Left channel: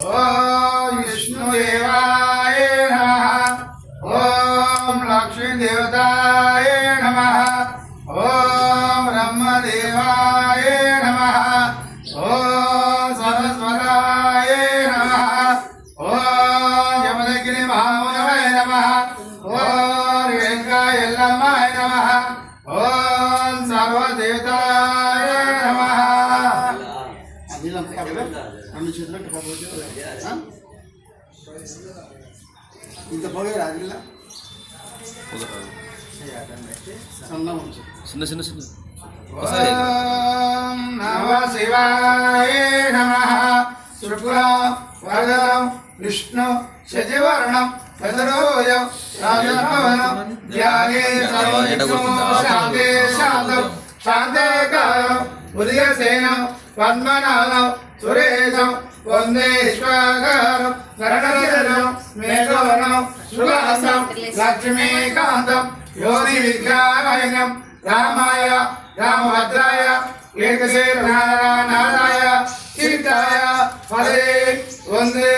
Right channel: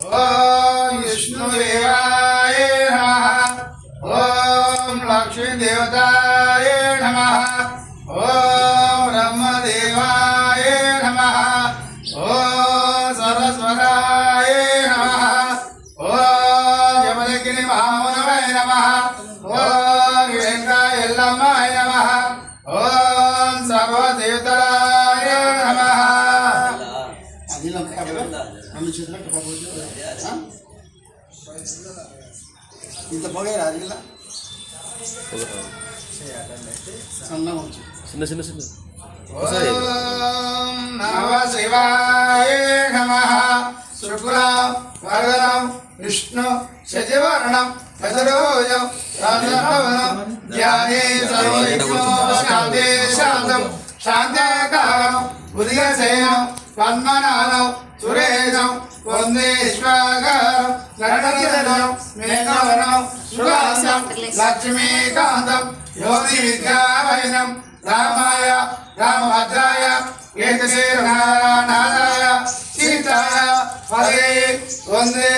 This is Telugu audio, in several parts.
ओम विष्णुदेवाय नमः। ओम लक्ष्मी देवताय नमः। ओम ब्रह्मदेवाय नमः। ओम सरस्वताय नमः। ओम यमदग्नि महामुनवे नमः। ओम वेंकटाय यल्लम्माय नमः। ओम सर्वदेवताय नमः। ఇంత పొగే రాజిల్లా చిన్న చిన్న చిన్న ఓం నమః శివాయ నమః శుక్లం వరదం విష్ణు శశివర్ణం ప్రసరోజం రాజభవనం ధ్యానే సర్వవిఘ్నో శాంతే శాంతం శాంతకారం ఉదయసేనం పద్మనాభం సురేశం వందేశ్వరం నటనదనం మేఘవనం సుగాంతం లక్ష్మీకాంతం యోగి విద్యామయనం రామాయ రామభద్రాయ ఏకశేనాయ సీతాయ హరే వందే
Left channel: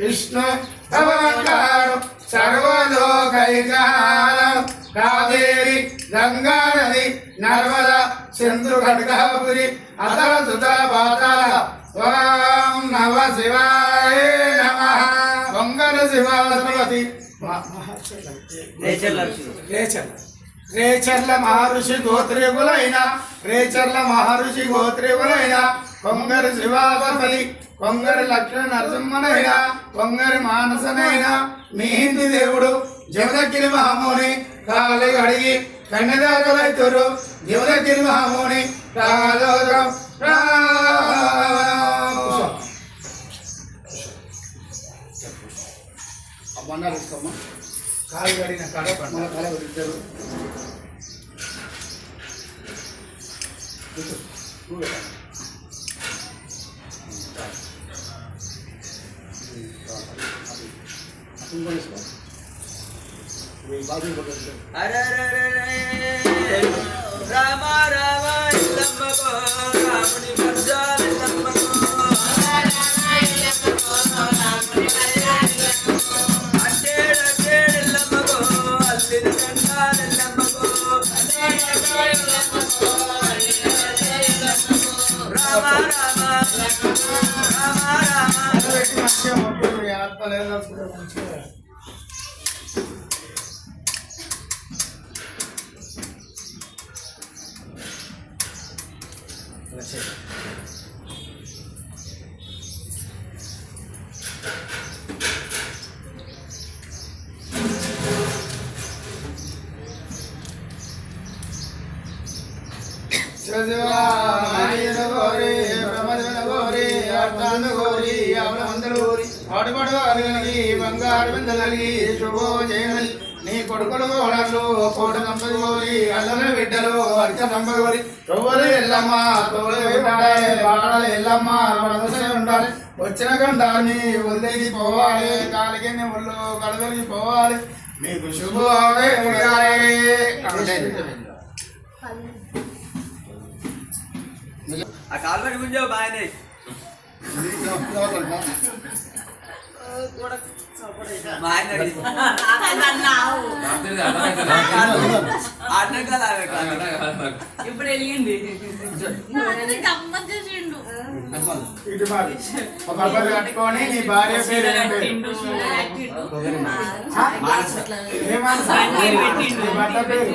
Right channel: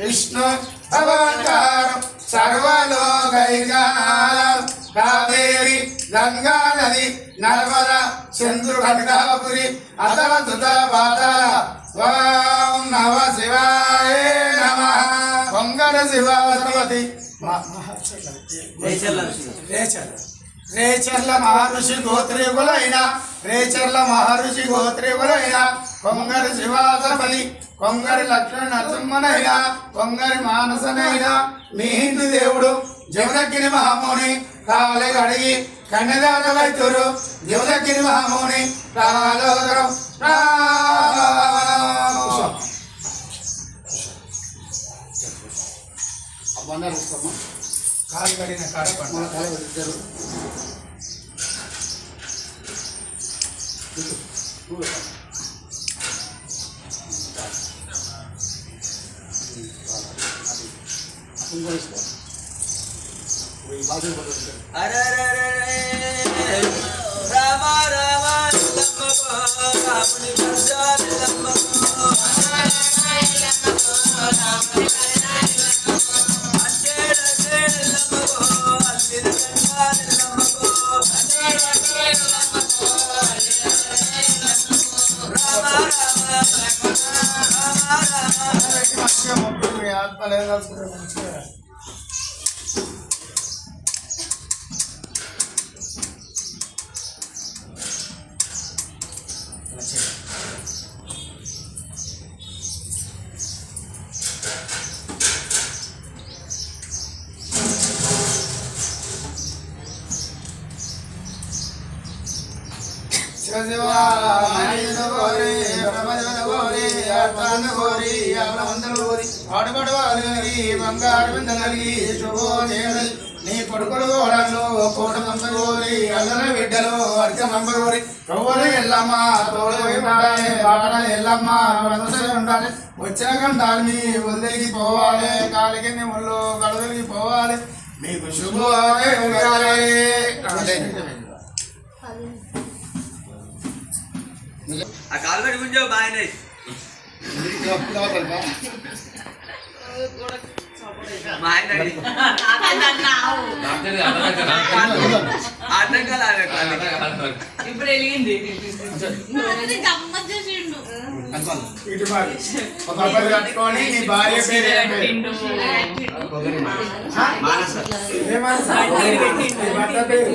విష్ణు భగవత్కారం సర్వలోకైకాలం కావేరి గంగా నది నర్మద సింధు ఖడ్గాపురి అతల సుతల పాతాల ఓం నమ శివాయ నమః. వంగర శివవతి రేచర్ల మహర్షి గోత్రీకులైన కొంగరి శివాసపతి కొంగరి లక్ష్మణ నరసింహనైనా కొంగరి మానసనైనా మీ హిందూ దేవుడు జమదగ్గిరి మహాముని కావలి అడిగి కన్యదాతలైతురు జమదగ్గిరి మహాముని రాగం బండారుస్తామా కాలు కడిగిన కాడ మన కాల పెట్టారు అరే రామ రామ ఇల్లమ్మకో రాముని గర్జాల ఇల్లమ్మకో అడ్డేడు ఇల్లమ్మకో అల్లిది గండాల ఇల్లమ్మకో రామ రామ నీ కొడుకులు కోడళ్ళు కోట నంబగోరి అల్లర బిడ్డలు అర్చ నంబగోరి తోడు ఎల్లమ్మ తోడు ఎల్లమ్మ ఉండాలి వచ్చిన గంటాన్ని వదిలికి పోవాలి కాలికి ఒళ్ళు కడుగులకి పోవాలి మీకు శుభోదయ ఆ కాలు పెట్టి గుంజావు బాగానే మా ఆయన అర్థం కాదు ఇప్పుడు వెళ్ళింది ఇటు ఒక అబ్బాయి కట్టుకొని నీ భార్య పేరు